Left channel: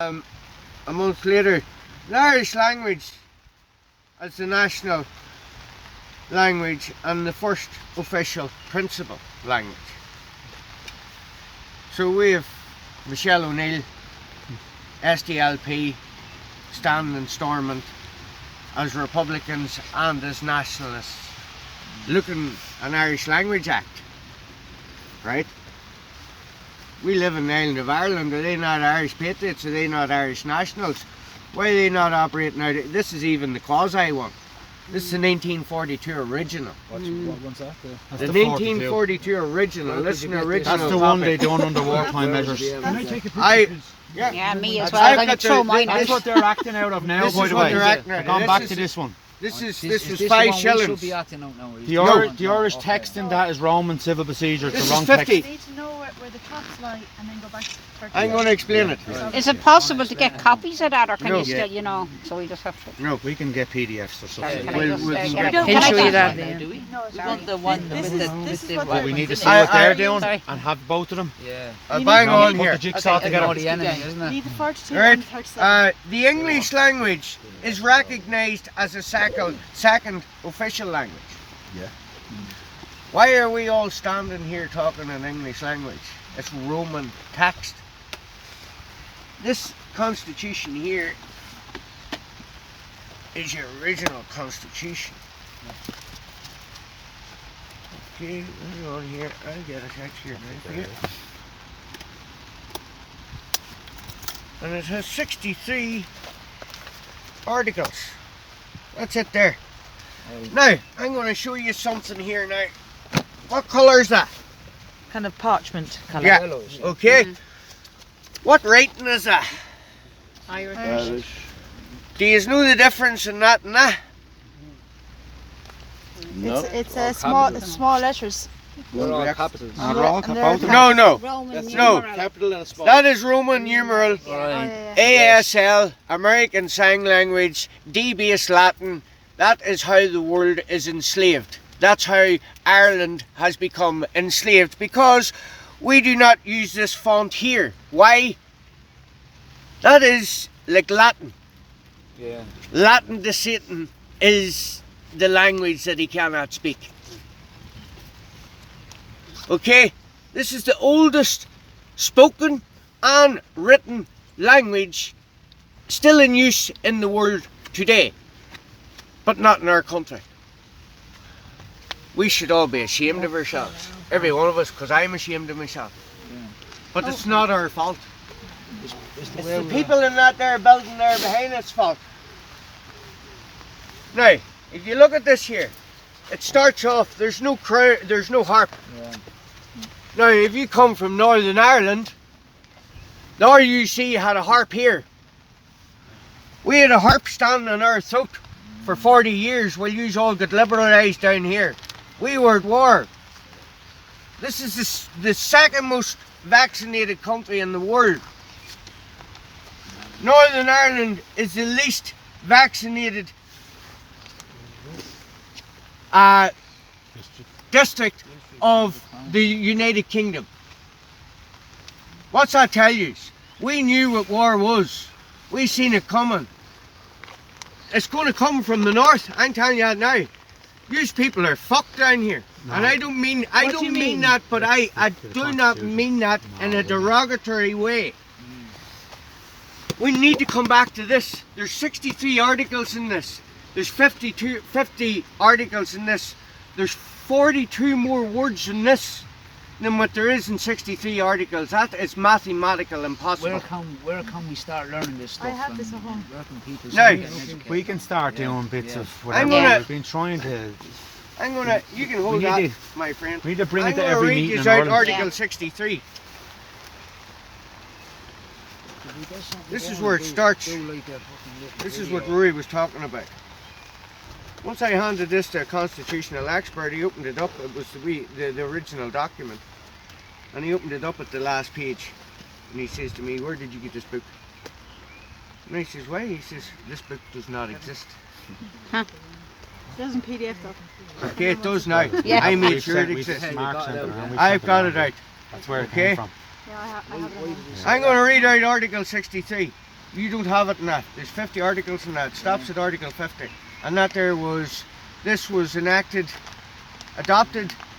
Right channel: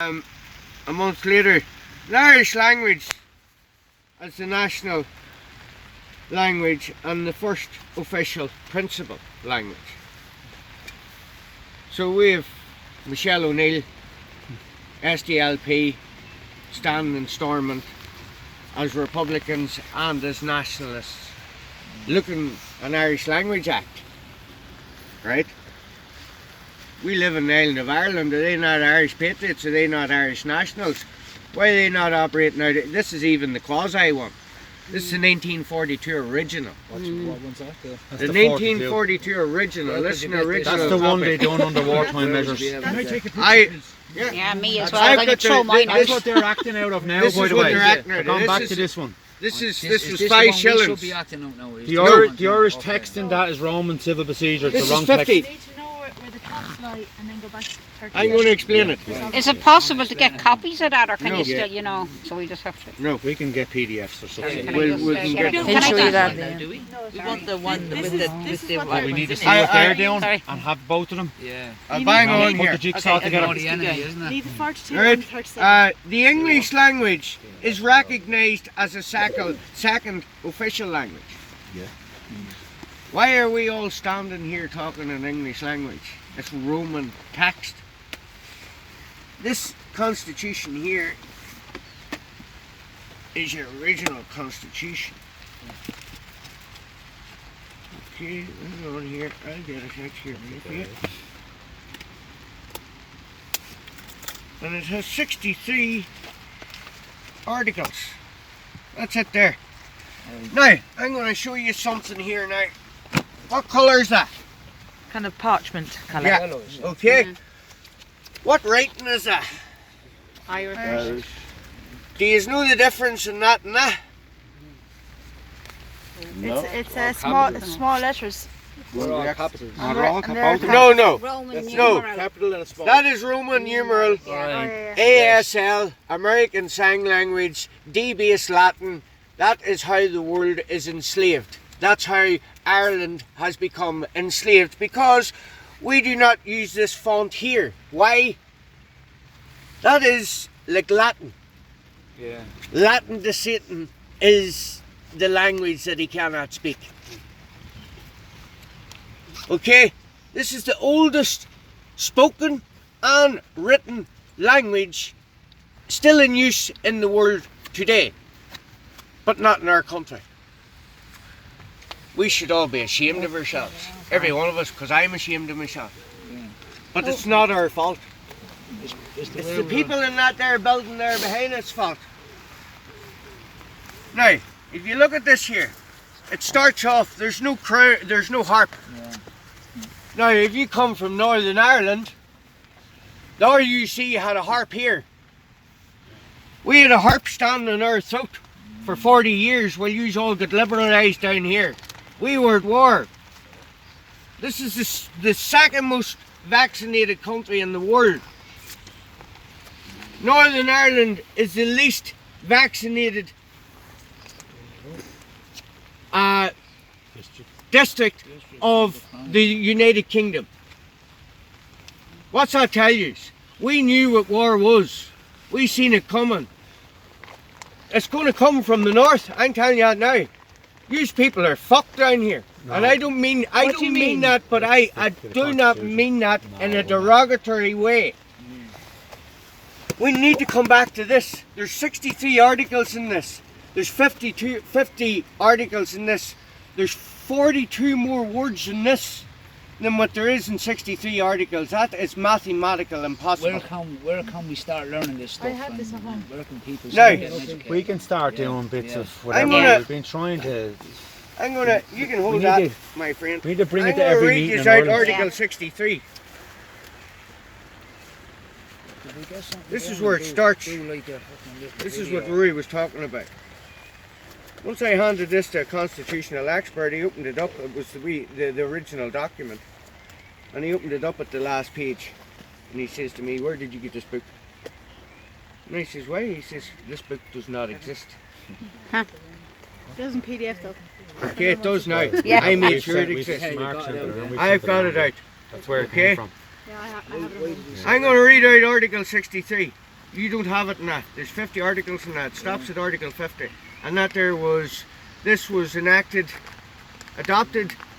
A month later, the Irish language as the national language and the first official principal language. So we have Michelle O'Neill, SDLP, standing storming as Republicans and as nationalists, looking an Irish Language Act, right? We live in the island of Ireland. Are they not Irish patriots? Are they not Irish nationals? Why are they not operating out? This is even the quasi one. This is the 1942 original. What one's that? The 1942 original. Listen, original. That's the one they done under wartime measures. Can I take a picture, please? Yeah, me as well. I'm going to throw mine out. That's what they're acting out of now, This by is the what way. they're acting out of. Gone This back is- to this one. This was Is 5 this shillings. The one we should be acting out now? The Irish text in that is Roman civil procedure. It's This the is wrong 50. text. Need to know where the caps lie and then go back to 30. I'm going to explain it. Is it possible to get copies of that, or can No. you still, you know, so we just have to... No. We can get PDFs or something. Can We'll- I just we'll- get we'll- a Don't can I show get you that? that, Do we? No, We want the one This with is- the this is with what the we're- We need to see I- what they're I- doing Sorry. and have both of them. Yeah. Bang on Put here. the jigsaw Okay, together. the enemy, isn't it? Leave the 42 Right. and the 37. The English language is recognised as a second official language. Yeah. Why are we all standing here talking in English language? It's Roman text. This constitution here is your original constitution. Okay, hang on here. I'll get a text here right for you. And it has 63 articles. That's it there. Now, I'm going to show you something here now. What colour is that? Kind of parchment colour. Yeah. Okay. What rating is that? Irish. Do you know the difference in that and that? It's small letters. We're all capitals. And all they're- and they're No, no. Roman No. numeral. Capital and a small. That is Roman numeral, Oh, yeah, yeah. ASL, American Sign Language, D-Base Latin. That is how the world is enslaved. That's how Ireland has become enslaved, because we do not use this font here. Why? That is like Latin. Yeah. Latin to Satan is the language that he cannot speak. Okay, this is the oldest spoken and written language still in use in the world today, but not in our country. We should all be ashamed of ourselves, every one of us, because I'm ashamed of myself. But it's not our fault. It's the people in that there building there behind us fault. Now, if you look at this here, it starts off, there's no harp. Yeah. Now, if you come from Northern Ireland, the RUC had a harp here. We had a harp stand on our throat for 40 years while you all got liberalised down here. We were at war. This is the second most vaccinated country in the world. Northern Ireland is the least vaccinated district of the United Kingdom. What's that tell you? We knew what war was. We seen it coming. It's going to come from the north. I'm telling you that now. Yous people are fucked down here, and I don't mean that, but I do not mean that in a derogatory way. We need to come back to this. There's 63 articles in this. There's 50 articles in this. There's 42 more words in this than what there is in 63 articles. That is mathematical impossible. Where can we start learning this stuff? I have this at home. Where can people Now, get educated? We can start doing bits of I'm whatever. gonna- We've been trying to. I'm gonna, you can hold We that, need my friend. We need to bring I'm it to gonna every read meeting you in out Ireland. Article Yeah. 63. Could we get something This is going where and it starts. do like a fucking little This is video? what Rory was talking about. Once I handed this to a constitutional expert, he opened it up. It was the original document. And he opened it up at the last page. And he says to me, "Where did you get this book?" And I says, "Why?" He says, "This book does not exist." It doesn't PDF though. Okay, it does now. Yeah. I made We've sure it sent- we've exists. sent Mark sent it around, we've I've sent got it it around. out. That's where it Okay. came from. Yeah, I have it at home. I'm going to read out Article 63. You don't have it in that. There's 50 articles in that. It stops at Article 50. And that this was adopted,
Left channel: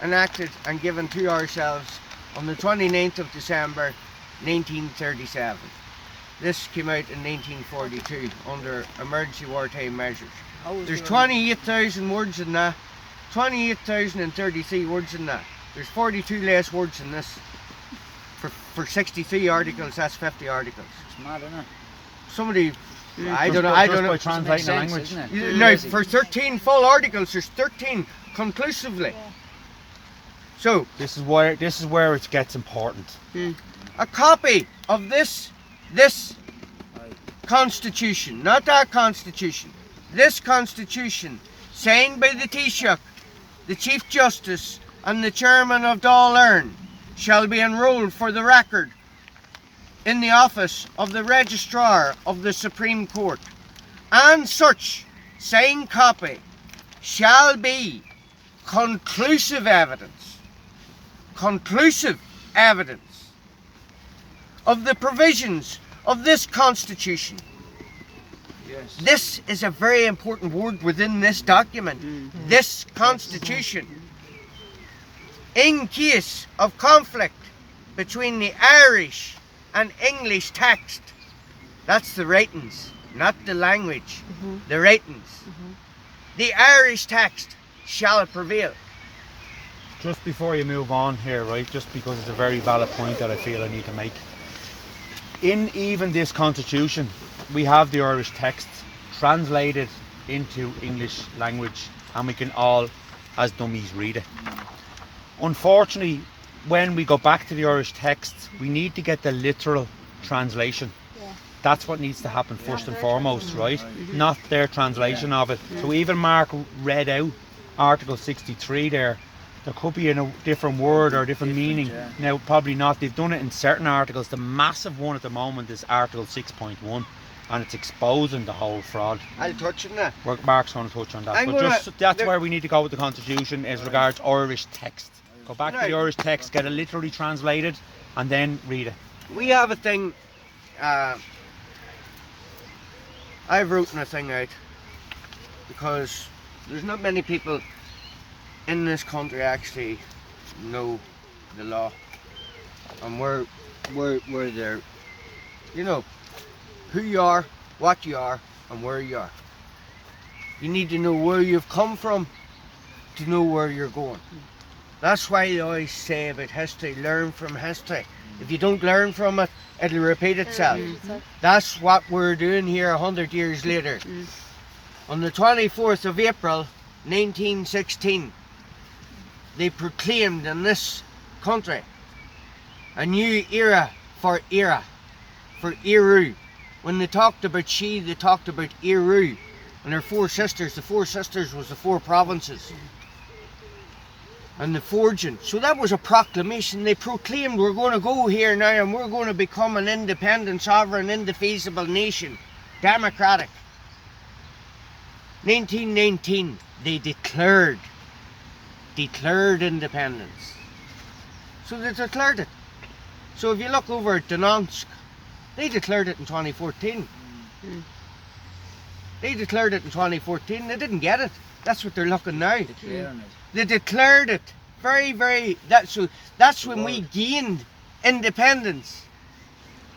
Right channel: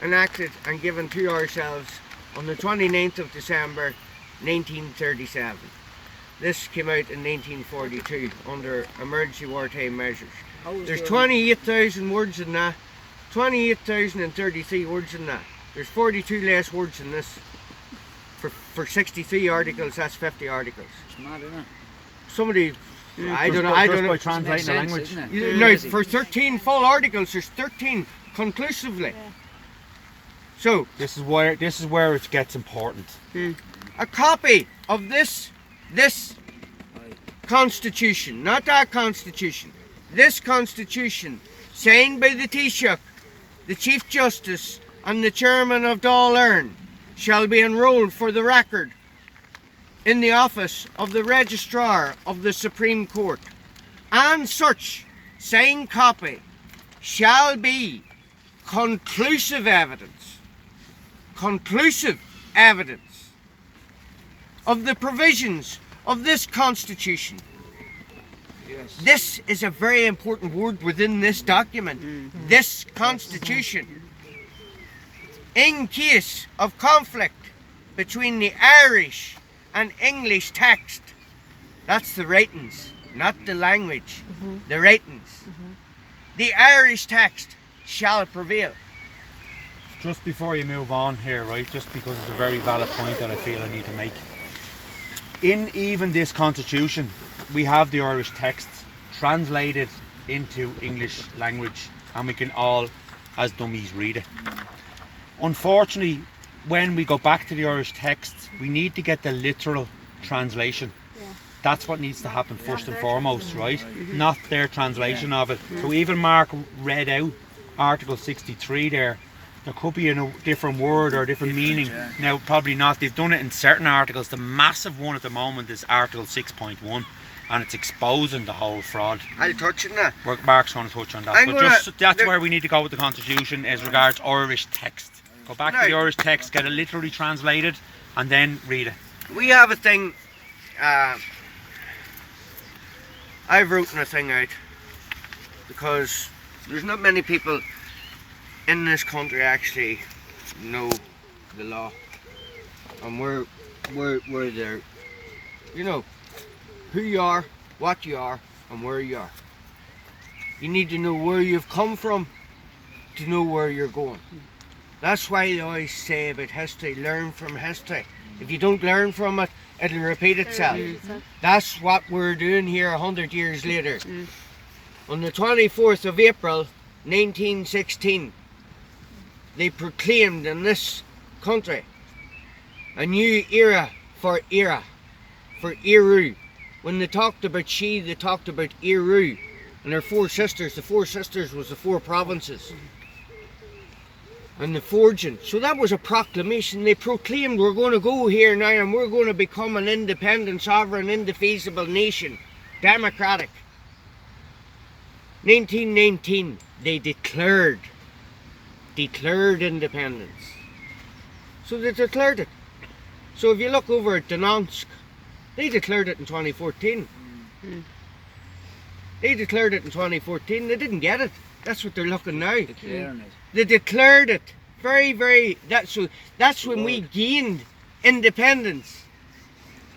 enacted and given to ourselves on the 29th of December 1937. This came out in 1942 under emergency wartime measures. There's 28,000 words in that, 28,033 words in that. There's 42 less words in this. For 63 articles, that's 50 articles. It's mad, isn't it? Somebody, I don't know. By translating the language. Isn't it? No, for 13 full articles, there's 13 conclusively. So, This is where it gets important. a copy of this Constitution, not that Constitution, this Constitution, signed by the Taoiseach, the Chief Justice and the Chairman of Dáil Éireann, shall be enrolled for the record in the office of the Registrar of the Supreme Court, and such signed copy shall be conclusive evidence of the provisions of this Constitution. Yes. This is a very important word within this document. This Constitution. In case of conflict between the Irish and English text, that's the writings, not the language, the writings. The Irish text shall prevail. Just before you move on here, right, just because it's a very valid point that I feel I need to make. In even this Constitution, we have the Irish text translated into English language, and we can all, as dummies, read it. Unfortunately, when we go back to the Irish text, we need to get the literal translation. That's what needs to happen first and foremost, right? Not their translation of it. So even Mark read out Article 63 there. There could be a different word or a different meaning. Now, probably not. They've done it in certain articles. The massive one at the moment is Article 6.1, and it's exposing the whole fraud. I'll touch on that. Mark's going to touch on that. That's where we need to go with the Constitution as regards Irish text. Go back to the Irish text, get it literally translated, and then read it. We have a thing, I've written a thing out because there's not many people in this country actually know the law, and we're there, you know, who you are, what you are, and where you are. You need to know where you've come from to know where you're going. That's why they always say about history, learn from history. If you don't learn from it, it'll repeat itself. That's what we're doing here 100 years later. On the 24th of April 1916, they proclaimed in this country a new era for Éireann. When they talked about she, they talked about Éireann and her four sisters. The four sisters was the four provinces. And the forging. So that was a proclamation. They proclaimed, we're going to go here now and we're going to become an independent, sovereign, indefeasible nation. Democratic. 1919, they declared independence. So they declared it. So if you look over at Donetsk, they declared it in 2014. They declared it in 2014. They didn't get it. That's what they're looking now. They declared it. That's when we gained independence.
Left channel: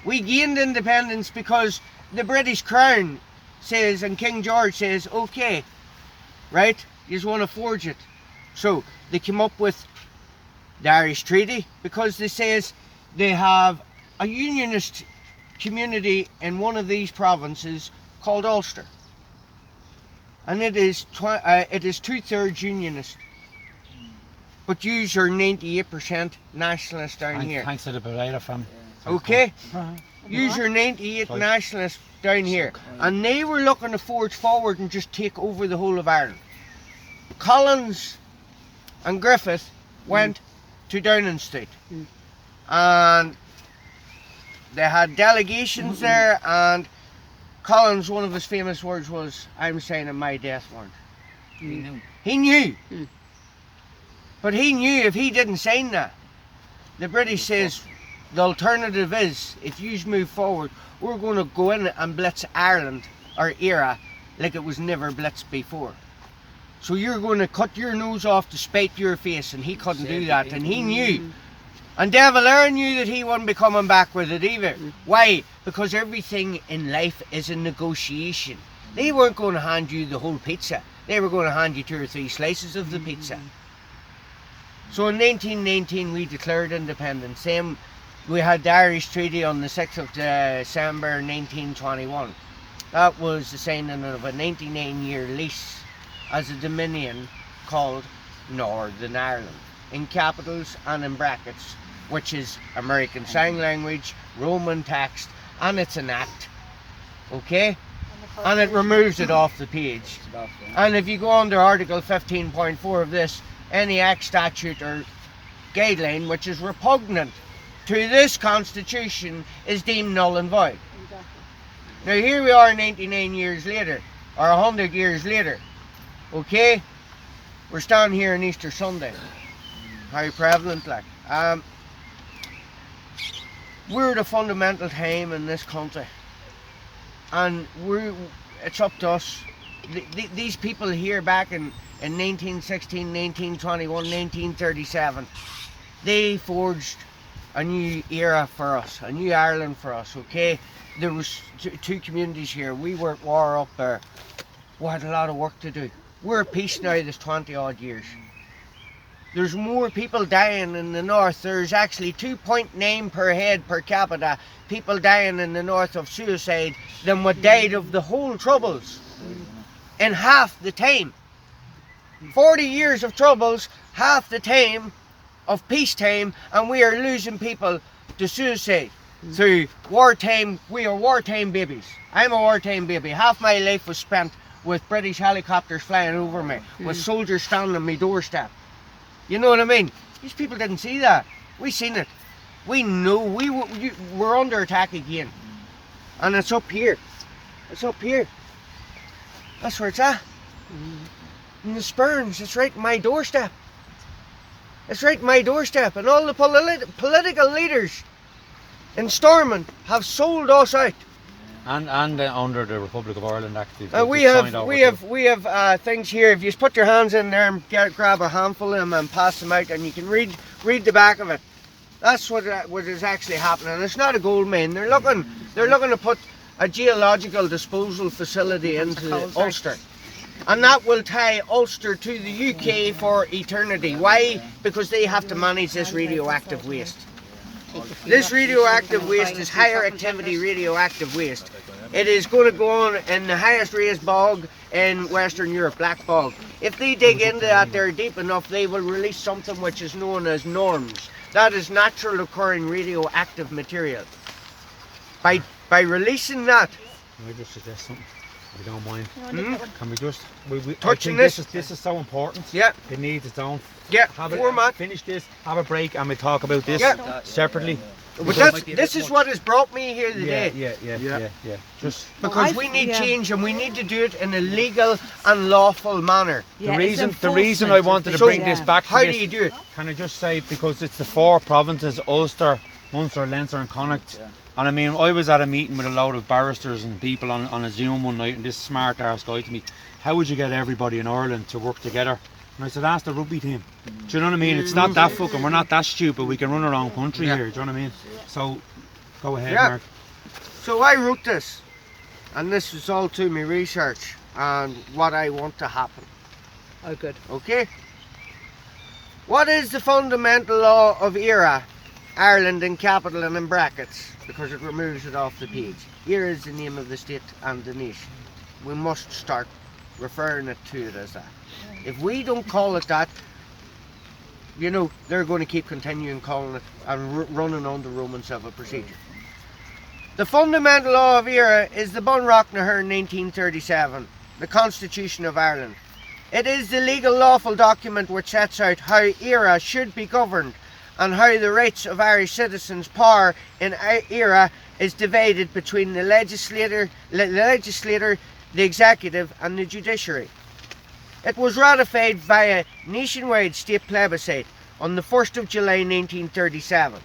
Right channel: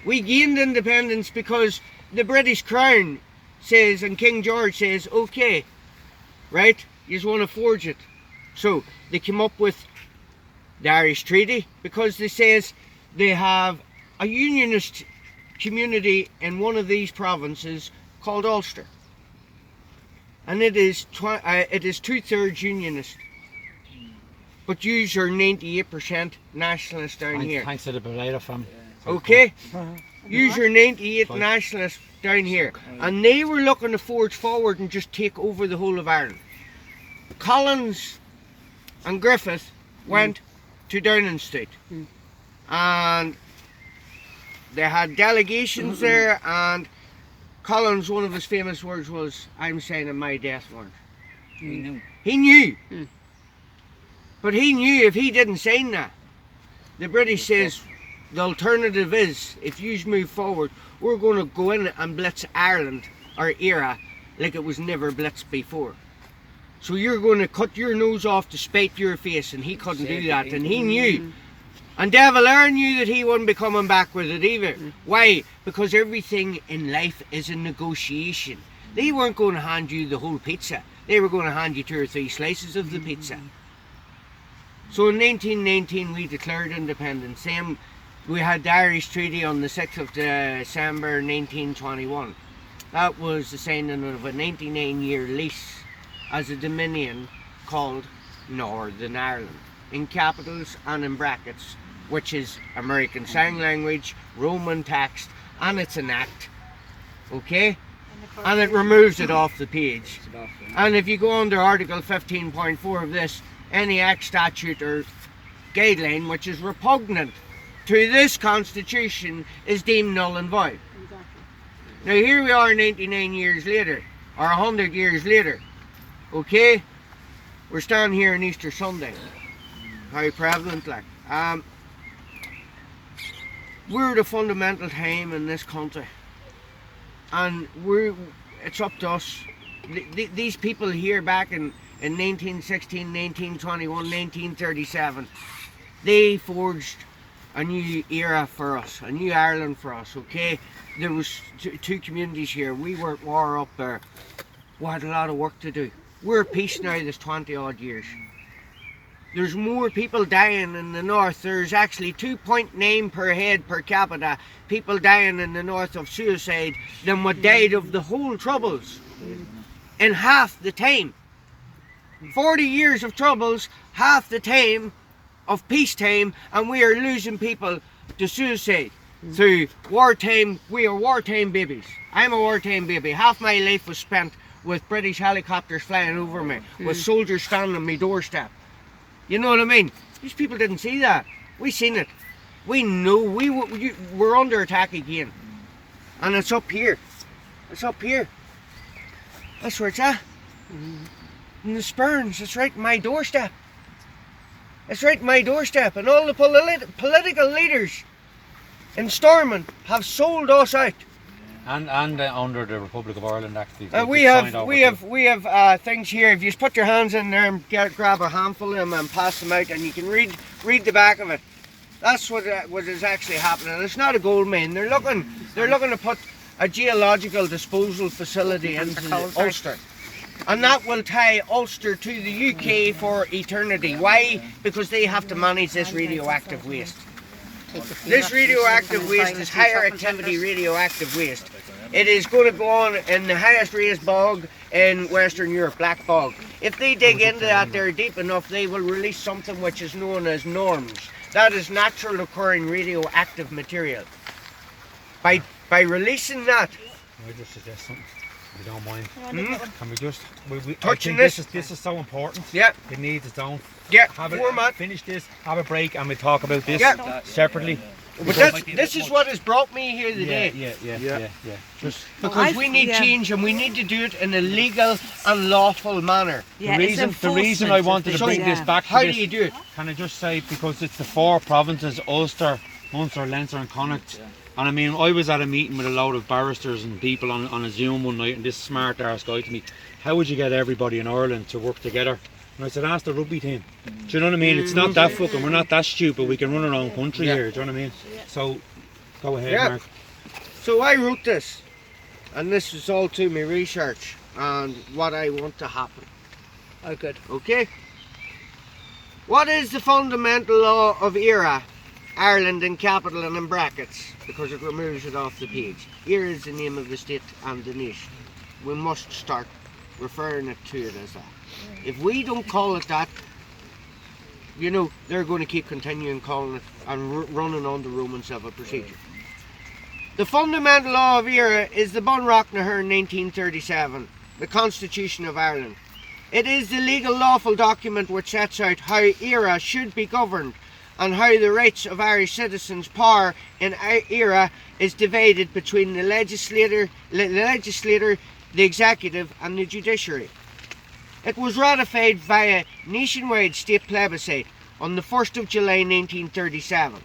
We gained independence because the British Crown says, and King George says, okay, right, you just want to forge it. So they came up with the Irish Treaty because they says they have a unionist community in one of these provinces called Ulster. And it is 2/3 unionist. But yous are 98% nationalist down here. Thanks to the Beretta family. Okay? Yous are 98 nationalists down here. And they were looking to forge forward and just take over the whole of Ireland. Collins and Griffith went to Downing Street. And they had delegations there, and Collins, one of his famous words was, I'm signing my death warrant. He knew. But he knew if he didn't sign that, the British says the alternative is, if you move forward, we're going to go in and blitz Ireland, our era, like it was never blitzed before. So you're going to cut your nose off to spite your face, and he couldn't do that, and he knew. And De Valera knew that he wouldn't be coming back with it either. Why? Because everything in life is a negotiation. They weren't going to hand you the whole pizza. They were going to hand you 2 or 3 slices of the pizza. So in 1919 we declared independence. Then we had the Irish Treaty on the 6th of December 1921. That was the signing of a 99-year lease as a dominion called Northern Ireland, in capitals and in brackets, which is American Sign Language, Roman text, and it's an act, okay? And it removes it off the page. And if you go under Article 15.4 of this, any act, statute or guideline which is repugnant to this Constitution is deemed null and void. Now here we are 99 years later, or 100 years later, okay? We're standing here on Easter Sunday. How prevalent, like. We're the fundamental time in this country. And it's up to us. These people here back in 1916, 1921, 1937, they forged a new era for us, a new Ireland for us, okay? There was 2 communities here. We were at war up there. We had a lot of work to do. We're at peace now, this 20 odd years. There's more people dying in the north. There's actually 2.9 per head per capita people dying in the north of suicide than what died of the whole troubles in half the time. 40 years of troubles, half the time of peacetime, and we are losing people to suicide. Through wartime, we are wartime babies. I'm a wartime baby. Half my life was spent with British helicopters flying over me, with soldiers standing on my doorstep. You know what I mean? These people didn't see that. We seen it. We know we're under attack again. And it's up here. It's up here. That's where it's at. In the Spurns, it's right in my doorstep. It's right in my doorstep. And all the political leaders in Stormont have sold us out. And under the Republic of Ireland, actually. We have things here. If you put your hands in there and grab a handful of them and pass them out, and you can read the back of it. That's what is actually happening. It's not a gold mine. They're looking to put a geological disposal facility into Ulster, and that will tie Ulster to the UK for eternity. Why? Because they have to manage this radioactive waste. This radioactive waste is higher activity radioactive waste. It is going to go on in the highest raised bog in Western Europe, black bog. If they dig into that there deep enough, they will release something which is known as norms. That is natural occurring radioactive material. By releasing that, Can I just suggest something? If you don't mind. Can we just touching this is so important. Yeah. It needs its own. Yeah. Format. Finish this. Have a break, and we talk about this separately. But this is what has brought me here today. Yeah. Just because we need change, and we need to do it in a legal and lawful manner. Yeah, the reason I wanted to bring this back to How this, do you do it? Can I just say, because it's the 4 provinces, Ulster, Munster, Leinster and Connacht. And I mean, I was at a meeting with a load of barristers and people on a Zoom one night, and this smart arse guy to me, how would you get everybody in Ireland to work together? And I said, ask the rugby team. Do you know what I mean? It's not that fucking, we're not that stupid, we can run our own country here, do you know what I mean? So, go ahead, Mark. So I wrote this, and this was all to my research and what I want to happen. Oh, good. Okay? What is the fundamental law of era? Ireland in capital and in brackets, because it removes it off the page. Here is the name of the state and the nation. We must start referring it to it as that. If we don't call it that, you know, they're going to keep continuing calling it and running on the Roman civil procedure. The fundamental law of era is the Bunreact 1937, the Constitution of Ireland. It is the legal lawful document which sets out how era should be governed, and how the rights of Irish citizens' power in era is divided between the legislator, the executive and the judiciary. It was ratified via nationwide state plebiscite on the 1st of July 1937.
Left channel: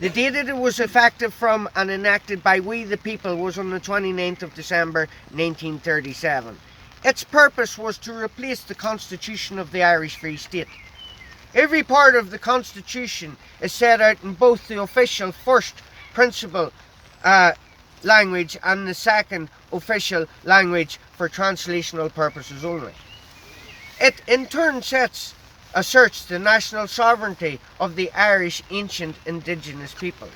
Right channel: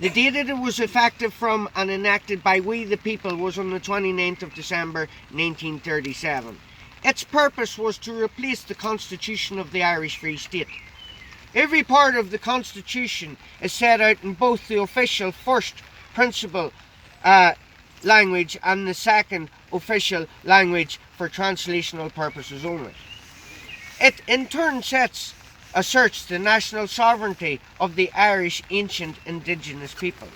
The date that it was effective from and enacted by we the people was on the 29th of December 1937. Its purpose was to replace the Constitution of the Irish Free State. Every part of the Constitution is set out in both the official first principle language and the second official language for translational purposes only. It in turn asserts the national sovereignty of the Irish ancient indigenous people.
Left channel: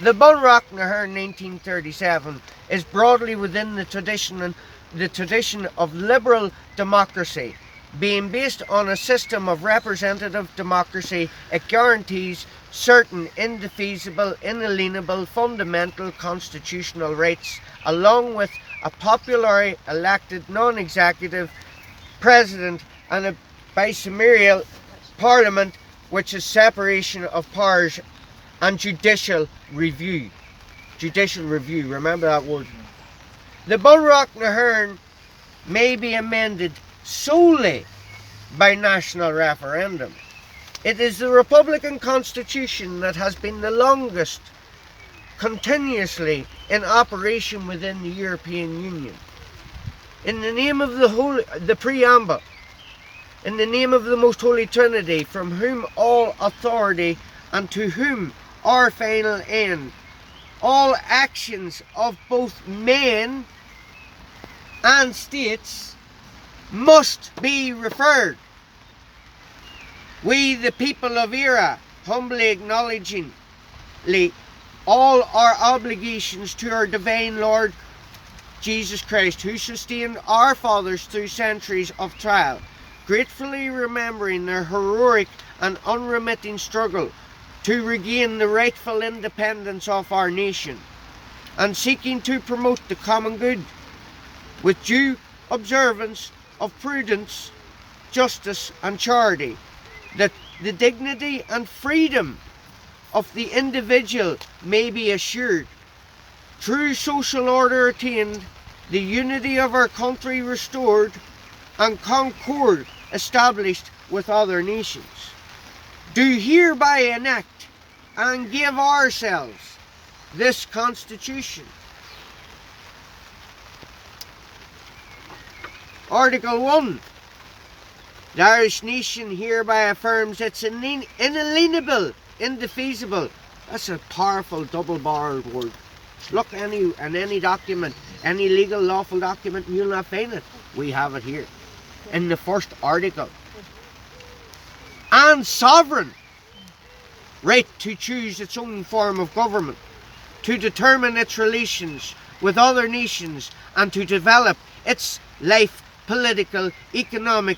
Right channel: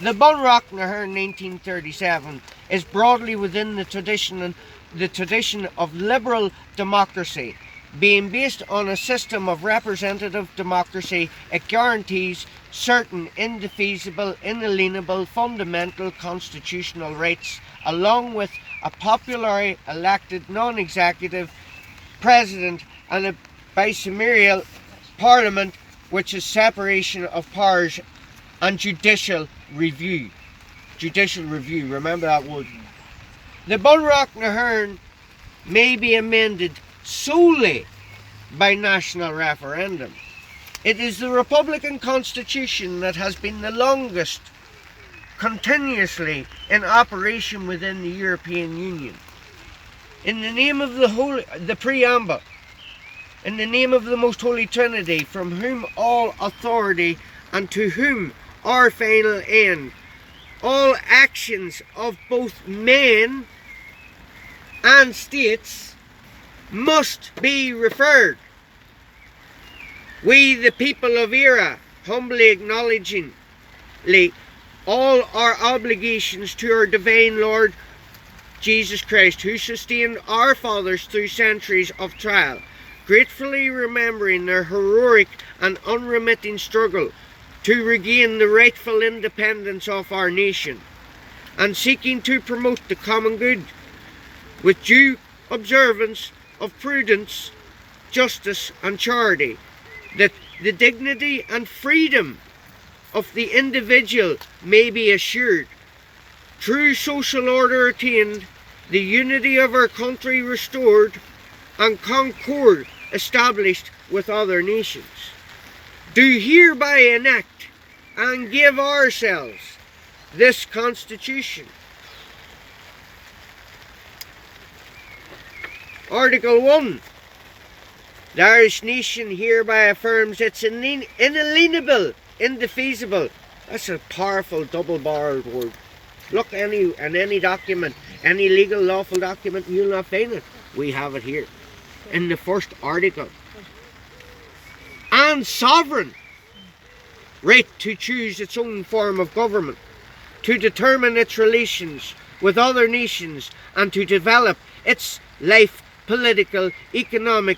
The Bunreact na hÉireann 1937 is broadly within the tradition of liberal democracy. Being based on a system of representative democracy, it guarantees certain indefeasible, inalienable, fundamental constitutional rights, along with a popularly elected non-executive president and a bicameral parliament, which is separation of powers and judicial review. Judicial review, remember that word. The Bunreact na hÉireann may be amended solely by national referendum. It is the Republican Constitution that has been the longest continuously in operation within the European Union. In the name of the preamble, in the name of the Most Holy Trinity, from whom all authority and to whom our final end, all actions of both men and states must be referred. We, the people of hÉireann, humbly acknowledging all our obligations to our divine Lord Jesus Christ, who sustained our fathers through centuries of trial, gratefully remembering their heroic and unremitting struggle to regain the rightful independence of our nation, and seeking to promote the common good with due observance of prudence, justice and charity, that the dignity and freedom of the individual may be assured, true social order attained, the unity of our country restored, and concord established with other nations. Do hereby enact and give ourselves this Constitution. Article 1. The Irish nation hereby affirms its inalienable, indefeasible. That's a powerful double-barreled word. Look in any document, any legal lawful document, you'll not find it. We have it here in the first article. And sovereign right to choose its own form of government, to determine its relations with other nations, and to develop its life, political, economic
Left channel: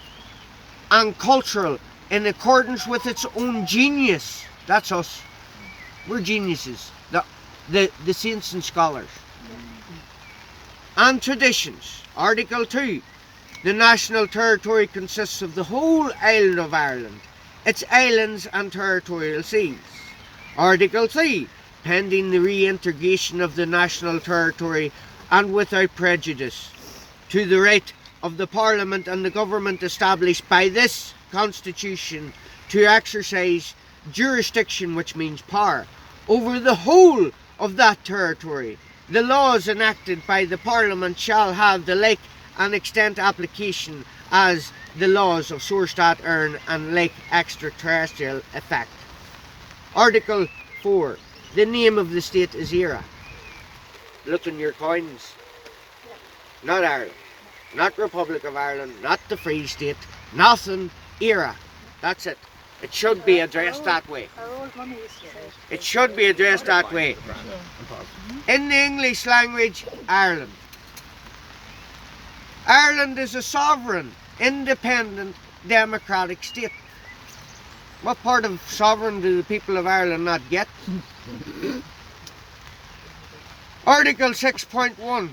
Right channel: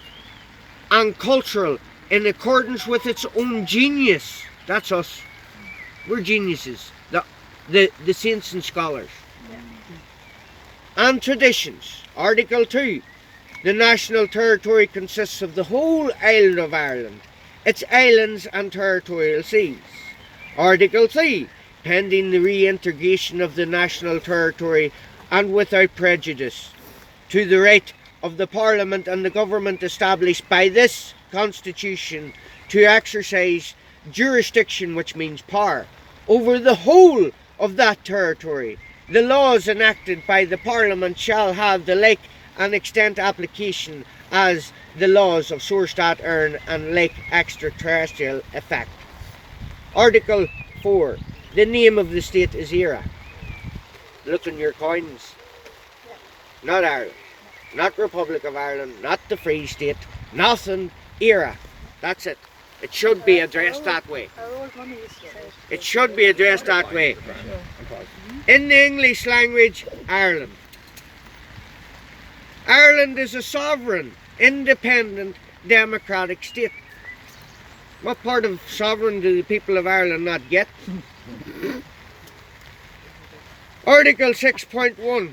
and cultural in accordance with its own genius. That's us. We're geniuses. The saints and scholars. And traditions. Article 2. The national territory consists of the whole island of Ireland, its islands and territorial seas. Article 3. Pending the reintegration of the national territory and without prejudice to the right of the Parliament and the government established by this Constitution to exercise jurisdiction, which means power, over the whole of that territory. The laws enacted by the Parliament shall have the like and extent application as the laws of Source.Ern hÉireann and like extraterrestrial effect. Article 4. The name of the state is hÉireann. Look in your coins. Not Ireland. Not Republic of Ireland. Not the Free State. Nothing. hÉireann. That's it. It should be addressed that way. It should be addressed that way. In the English language, Ireland. Ireland is a sovereign, independent, democratic state. What part of sovereign do the people of Ireland not get? Article 6.1.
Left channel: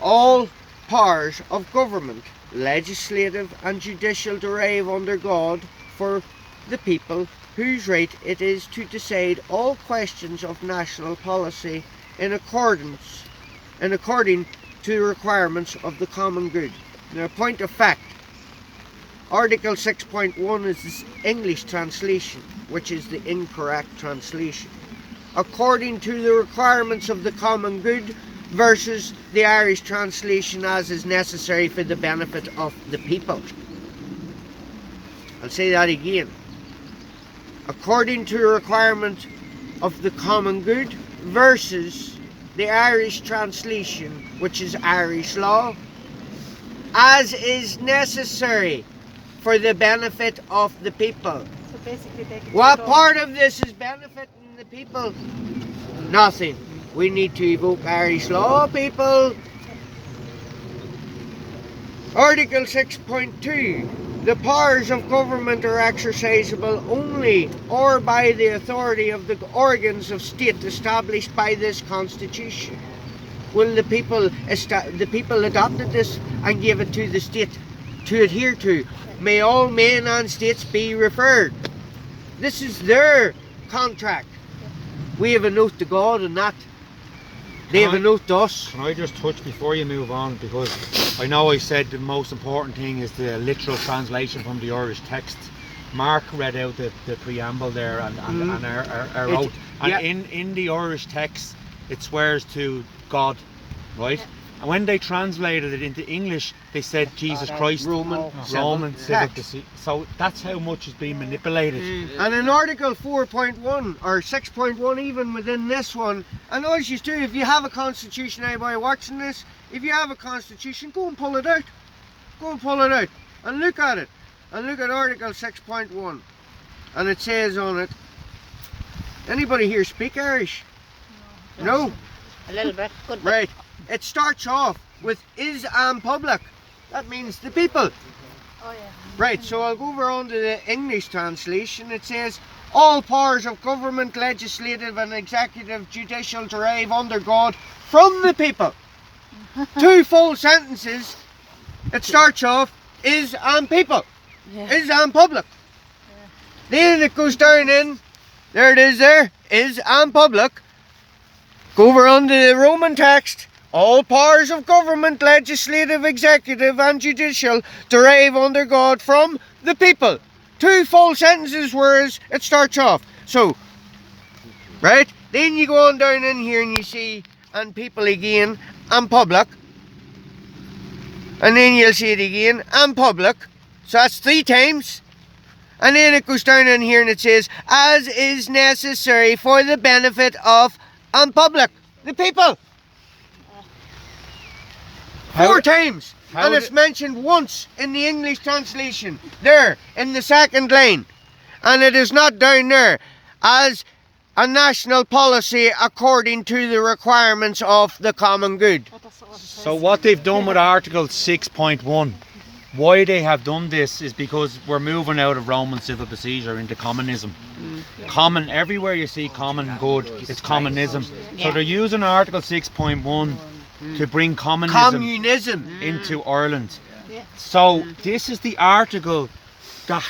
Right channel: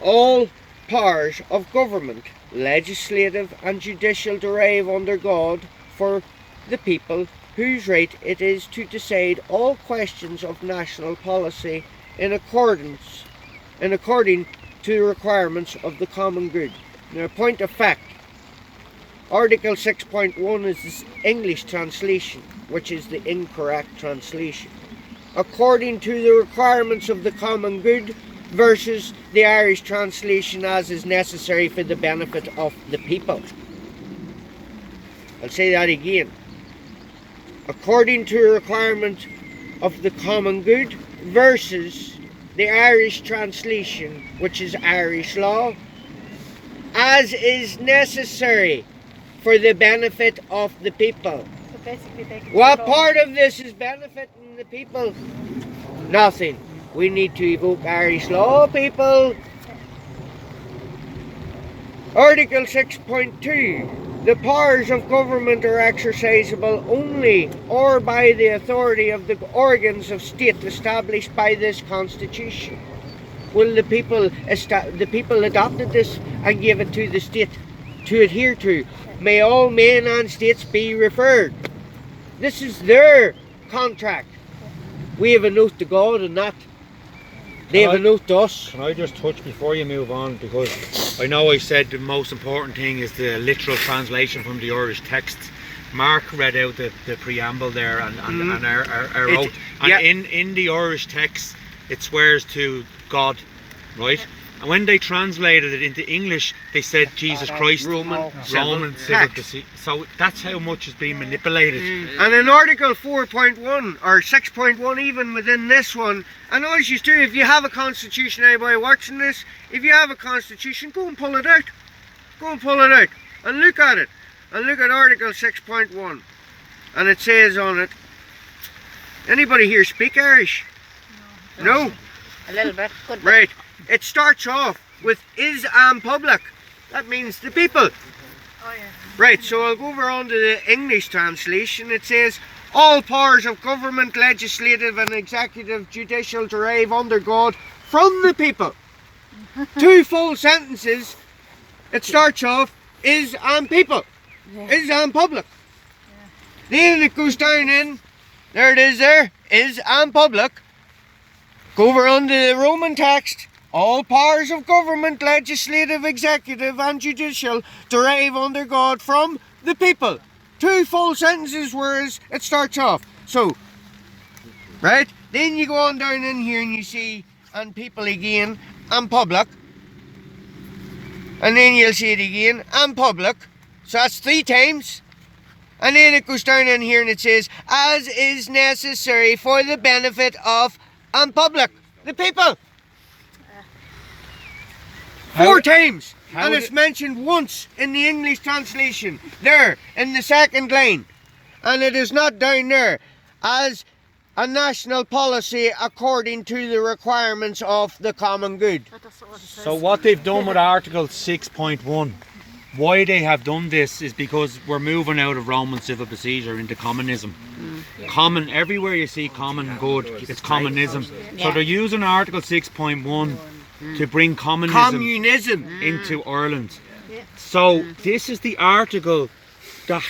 All powers of government, legislative and judicial, derive under God for the people, whose right it is to decide all questions of national policy in according to the requirements of the common good. Now, point of fact, Article 6.1 is the English translation, which is the incorrect translation. according to the requirements of the common good versus the Irish translation as is necessary for the benefit of the people. I'll say that again. According to the requirement of the common good versus the Irish translation, which is Irish law, as is necessary for the benefit of the people. So basically they can What take over. part of this is benefiting the people? Nothing. We need to evoke Irish law, people. Article 6.2. The powers of government are exercisable only or by the authority of the organs of state established by this constitution. Will the people adopted this and gave it to the state to adhere to? May all men and states be referred. This is their contract. We have an oath to God and that. They have an oath to us. Can I just touch before you move on, because I know I said the most important thing is the literal translation from the Irish text. Mark read out the preamble there and our oath. And yeah. in the Irish text it swears to God, right? And when they translated it into English, they said Jesus Christ, Roman civil procedure. So that's how much is being manipulated. And in Article 4.1 or 6.1 even within this one, and always used to, if you have a constitution, anybody watching this, if you have a constitution, go and pull it out. Go and pull it out and look at it. And look at Article 6.1. And it says on it, anybody here speak Irish? No? A little bit. Good bit. Right. It starts off with is and public. That means the people. Oh yeah. Right, so I'll go over on to the English translation. It says, all powers of government, legislative and executive, judicial derive under God from the people. Two full sentences. It starts off, is and people. Yeah. Is and public. Then it goes down in, there it is there, is and public. Go over on to the Roman text. All powers of government, legislative, executive and judicial derive under God from the people. Two full sentences whereas it starts off. So, right? Then you go on down in here and you see and people again and public. And then you'll see it again and public. So that's 3 times. And then it goes down in here and it says, as is necessary for the benefit of and public, the people. 4 times. how And it's mentioned once in the English translation. There, in the second line. And it is not down there. As a national policy according to the requirements of the common good. But that's not what it says. So what they've done with Article 6.1, why they have done this is because we're moving out of Roman civil procedure into commonism. Common, everywhere you see common good, it's commonism. So they're using Article 6.1 to bring Communism. into Ireland. Yeah. So this is the article that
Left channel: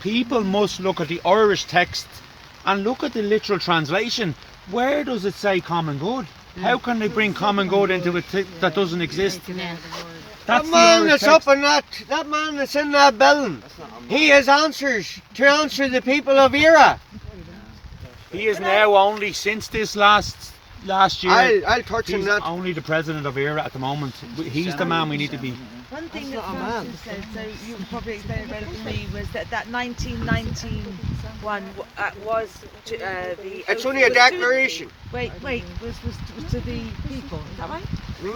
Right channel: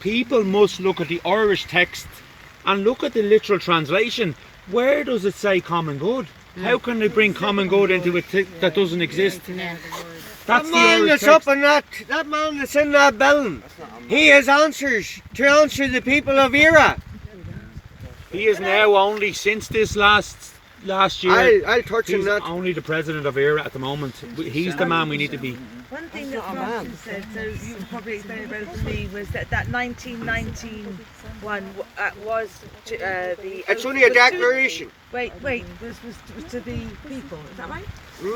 people must look at the Irish text and look at the literal translation. Where does it say common good? How can they bring common good into a that doesn't exist? That man that's up in that man that's in that building, he has answers to answer the people of hÉireann. He is now only since this last year. I'll touch on He's that. only the president of hÉireann at the moment. He's the man we need to be. One thing that Martin said, so you can probably explain it better than me, was that 1919 one was to, the. It's only a declaration. Wait, was to the people, is that right?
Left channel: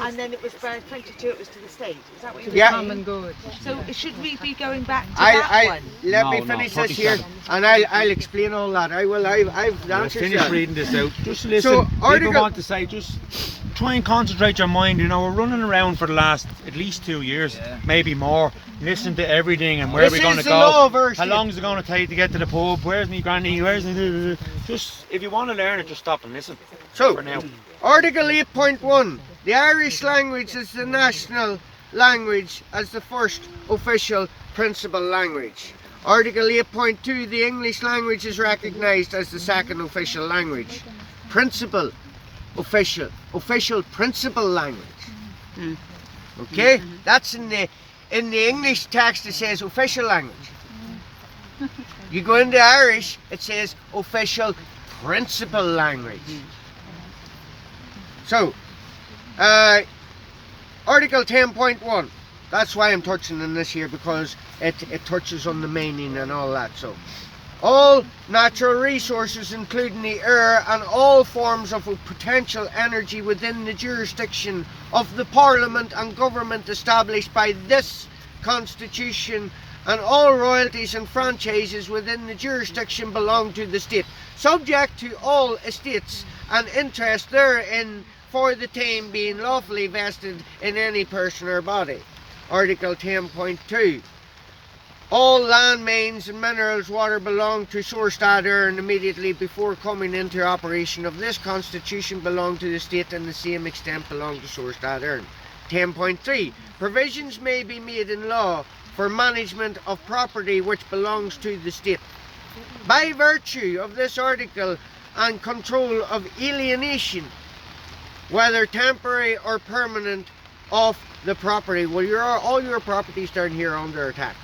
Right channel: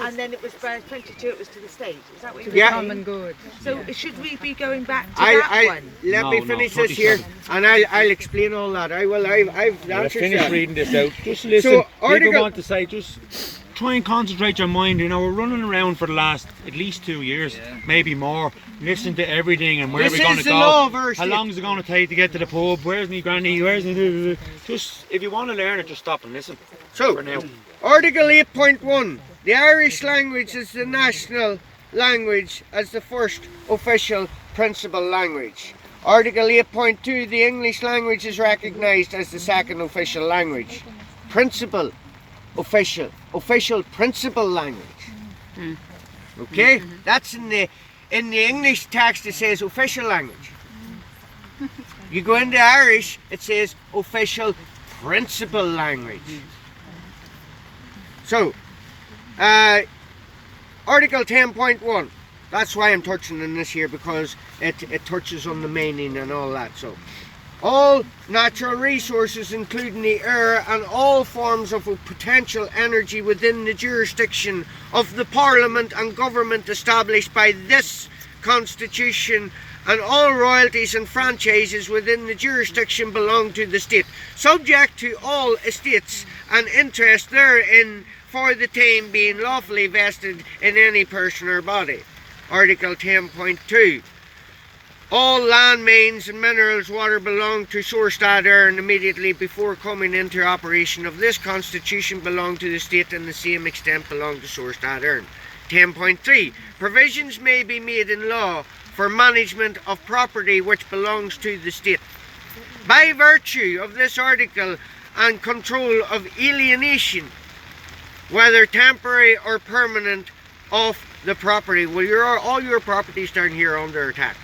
And then it was by 22, it was to the state. Is that what you were Yeah. saying? Common good. So should we be going back to that one? Let me No, finish no, this here, 47. and I'll explain all that. I will. I've Let's answered finish that. reading this out. Just listen. So, People article- want to say, just try and concentrate your mind. You know, we're running around for the last at least 2 years, maybe more. Listen to everything and where This we're going to is the go. law of our How state. long is it going to take to get to the pub? Where's me granny? Where's the... Just if you want to learn it, just stop and listen. So, For now. Article 8.1. The Irish language is the national language as the first official principal language. Article 8.2. The English language is recognised as the second official language. Principal, official principal language. Okay? That's in the English text it says official language. You go into Irish, it says official principal language. So, Article 10.1. That's why I'm touching on this here, because it touches on the meaning and all that. So, all natural resources, including the air and all forms of potential energy within the jurisdiction of the Parliament and government established by this Constitution, and all royalties and franchises within the jurisdiction belong to the state, subject to all estates and interest therein for the time being lawfully vested in any person or body. Article 10.2. All land, mains and minerals water belong to Sourstad Earn immediately before coming into operation of this Constitution belong to the state, and the same extent belong to Sourstad Earn. 10.3. Provisions may be made in law for management of property which belongs to the state, by virtue of this article, and control of alienation, whether temporary or permanent, of the property. Well, all your properties down here are under attack.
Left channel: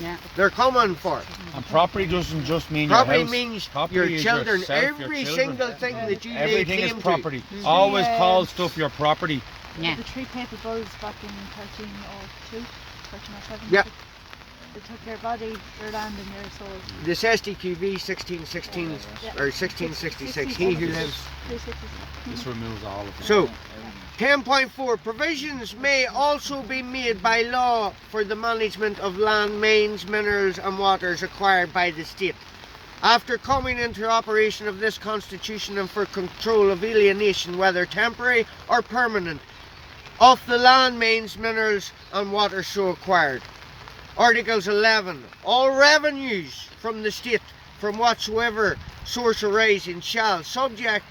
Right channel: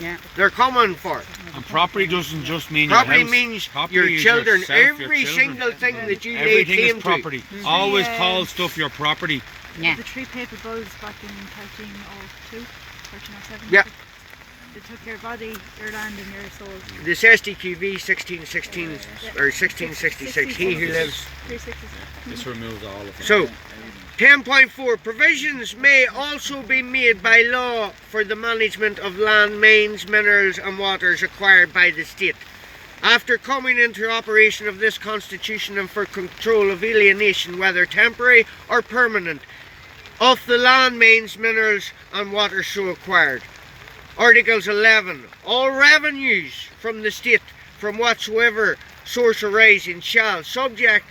Yeah. They're coming for it. And property doesn't just mean Property your house. means Property your is children, yourself, your every children. single thing that you lay Everything claim is property. to. Always Yeah. call stuff your property. Yeah. The three paper bulls back in 1302, 1307. Yeah. They took your body, your land and your soul. This SDQV 1616 or 1666, he who lives. 360. This removes all of it. So, 10.4. Provisions may also be made by law for the management of land, mains, minerals and waters acquired by the state, after coming into operation of this Constitution, and for control of alienation, whether temporary or permanent, of the land, mains, minerals and waters so acquired. Articles 11. All revenues from the state from whatsoever source arising shall, subject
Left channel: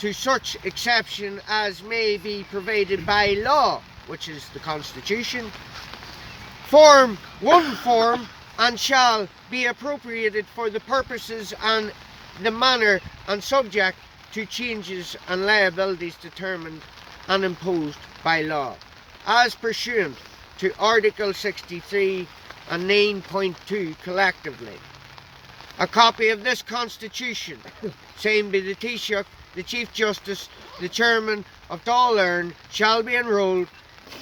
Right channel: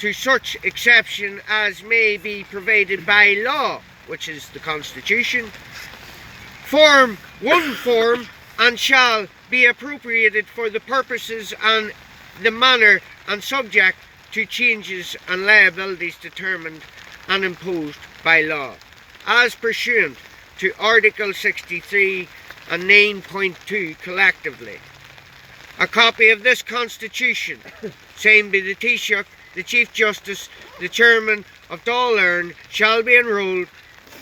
to such exception as may be provided by law, which is the Constitution, form and shall be appropriated for the purposes and the manner and subject to changes and liabilities determined and imposed by law, as pursuant to Article 63 and 9.2 collectively. A copy of this Constitution, signed by the Taoiseach, the Chief Justice, the Chairman of Dáil Éireann, shall be enrolled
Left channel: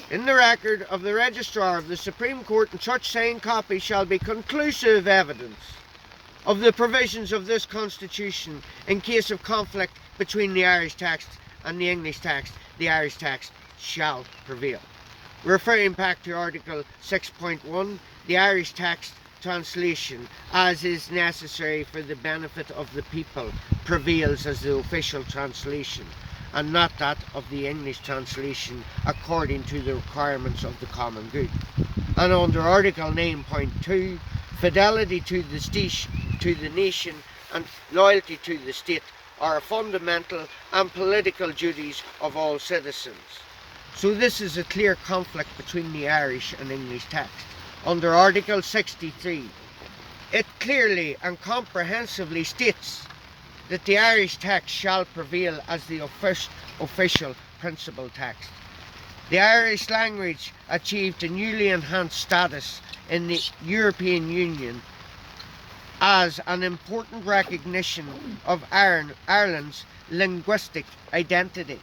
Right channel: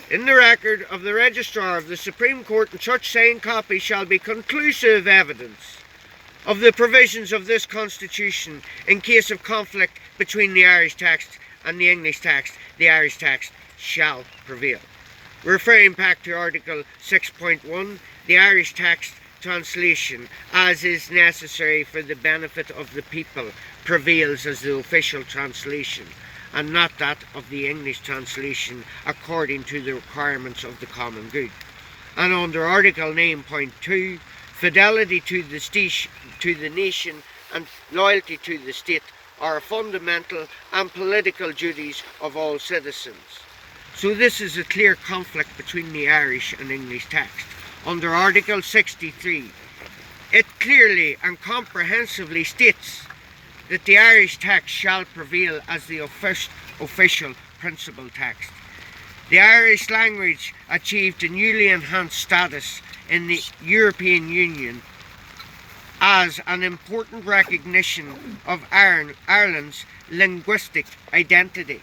in the record of the Registrar of the Supreme Court, and such signed copy shall be conclusive evidence of the provisions of this Constitution. In case of conflict between the Irish text and the English text, the Irish text shall prevail. Referring back to Article 6.1, the Irish text translation, as is necessary for the benefit of the people, prevails as the official translation, and not that of the English translation, according to the requirements of the common good. And under Article 9.2, fidelity to the nation and loyalty to the state are fundamental and political duties of all citizens. So this is a clear conflict between the Irish and English text. Under Article 63, it clearly and comprehensively states that the Irish text shall prevail as the official principal text. The Irish language achieved a newly enhanced status in the European Union as an important recognition of Ireland's linguistic identity.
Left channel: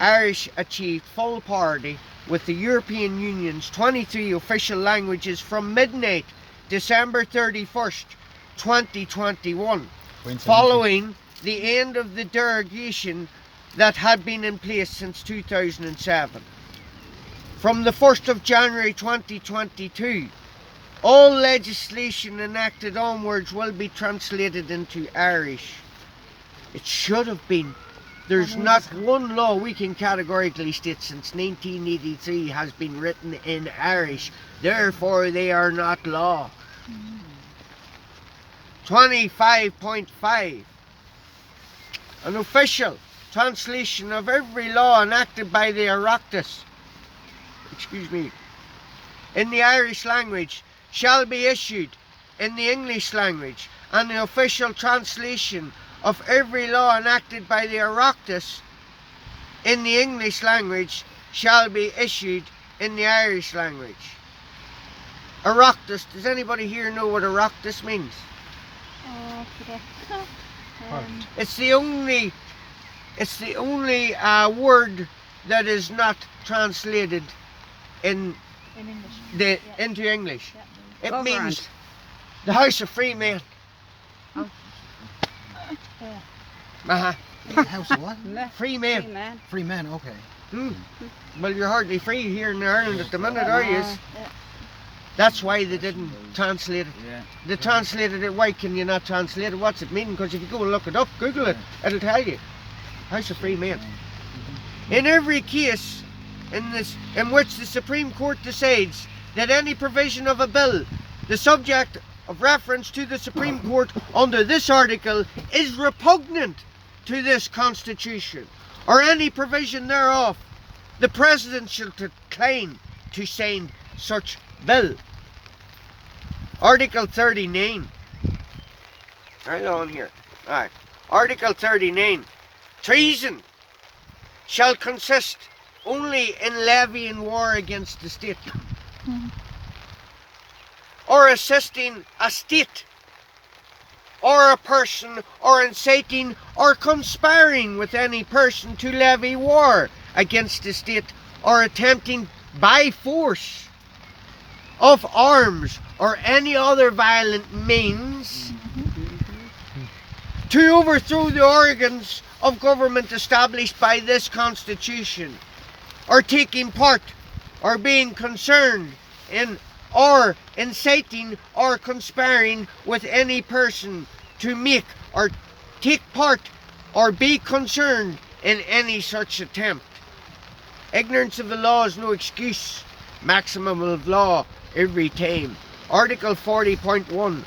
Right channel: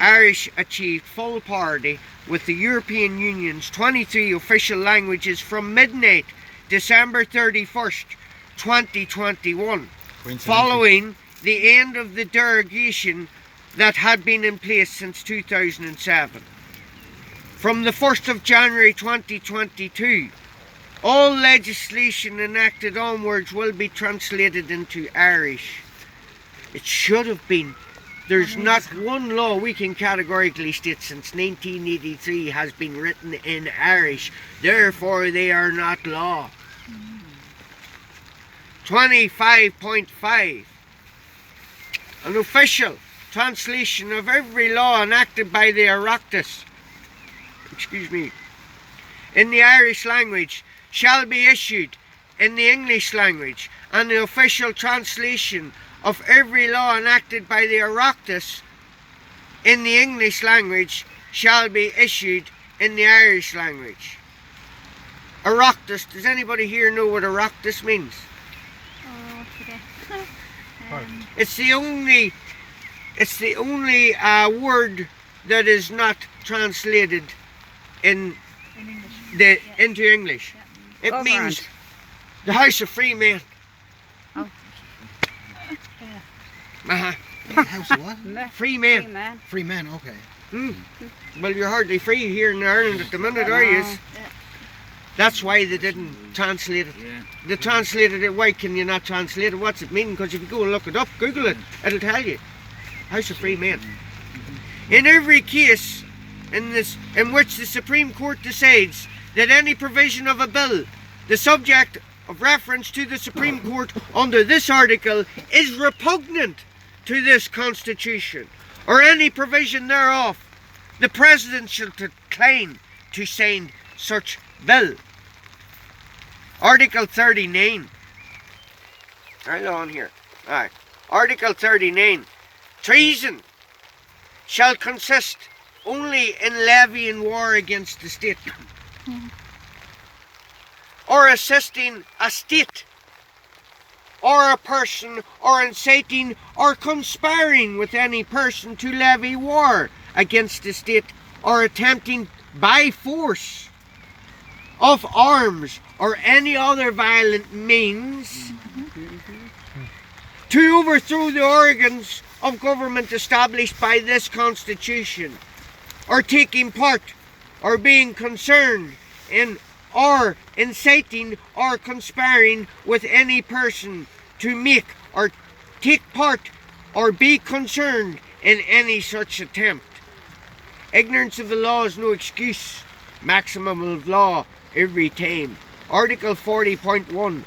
Irish achieved full parity with the European Union's 23 official languages from midnight December 31st, 2021, following the end of the derogation that had been in place since 2007. From the 1st of January 2022, all legislation enacted onwards will be translated into Irish. It should have been. There's not one law we can categorically state since 1983 has been written in Irish. Therefore, they are not law. 25.5. An official translation of every law enacted by the Oireachtas, in the Irish language shall be issued in the English language, and the official translation of every law enacted by the Oireachtas in the English language shall be issued in the Irish language. Oireachtas, does anybody here know what Oireachtas means? Oh, I forget. It's the only word that is not translated in In English. into English. Yeah. It Over means and. the house of free men. Oh. Uh-huh. House of what? Free Free men. man. Free men, okay. Well, you're hardly free here in Ireland at the minute, are you? No. That's why they didn't translate it. Yeah. They translated it. Why can you not translate it? What's it mean? Because if you go and look it up, Google it, it'll tell you. House of free men. In every case in which the Supreme Court decides that any provision of a bill, the subject of reference to the Supreme Court under this article, is repugnant to this Constitution, or any provision thereof, the President shall decline to sign such bill. Article 39. Right on here. Alright. Article 39. Treason shall consist only in levying war against the state, or assisting a state, or a person, or inciting or conspiring with any person to levy war against the state, or attempting by force of arms or any other violent means to overthrow the organs of government established by this Constitution, or taking part or being concerned in or inciting or conspiring with any person to make or take part or be concerned in any such attempt. Ignorance of the law is no excuse. Maximum of law every time. Article 40.1.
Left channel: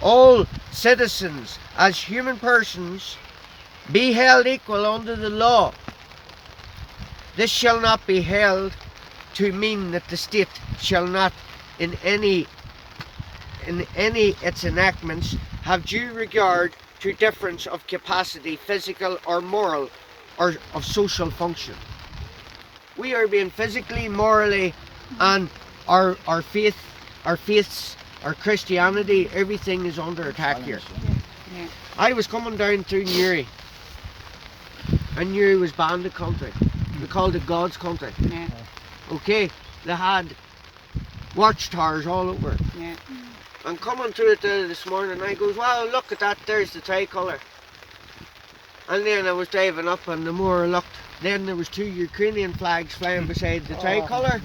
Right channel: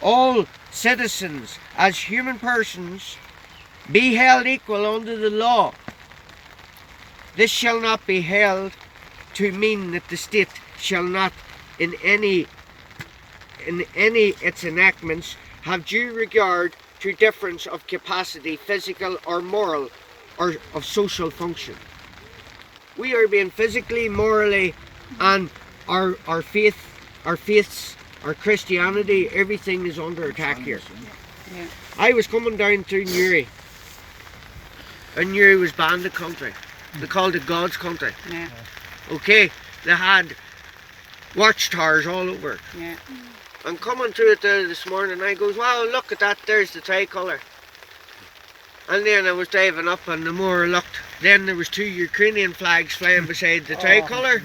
All citizens as human persons be held equal under the law. This shall not be held to mean that the state shall not in any its enactments have due regard to difference of capacity, physical or moral, or of social function. We are being physically, morally, and our faiths, our Christianity, everything is under attack here. Yeah. I was coming down through Newry, and Newry was bandit country. They called it God's country. Yeah. Okay, they had watchtowers all over it. Yeah. I'm coming through it there this morning, and I goes, wow, look at that, there's the tricolour. And then I was driving up, and the more I looked, then there was 2 Ukrainian flags flying beside the tricolour,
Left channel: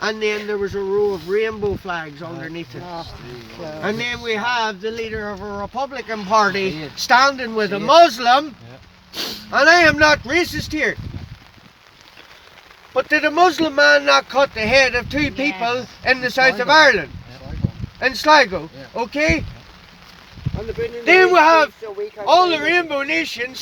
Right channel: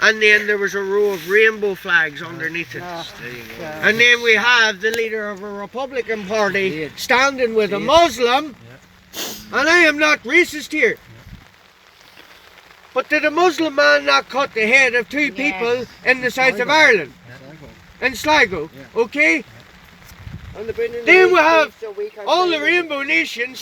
and then there was a row of rainbow flags underneath it. And then we have the leader of a Republican Party standing with a Muslim, and I am not racist here. But did a Muslim man not cut the head of 2 people in the south of Ireland? In Sligo, okay? Then we have all the rainbow nations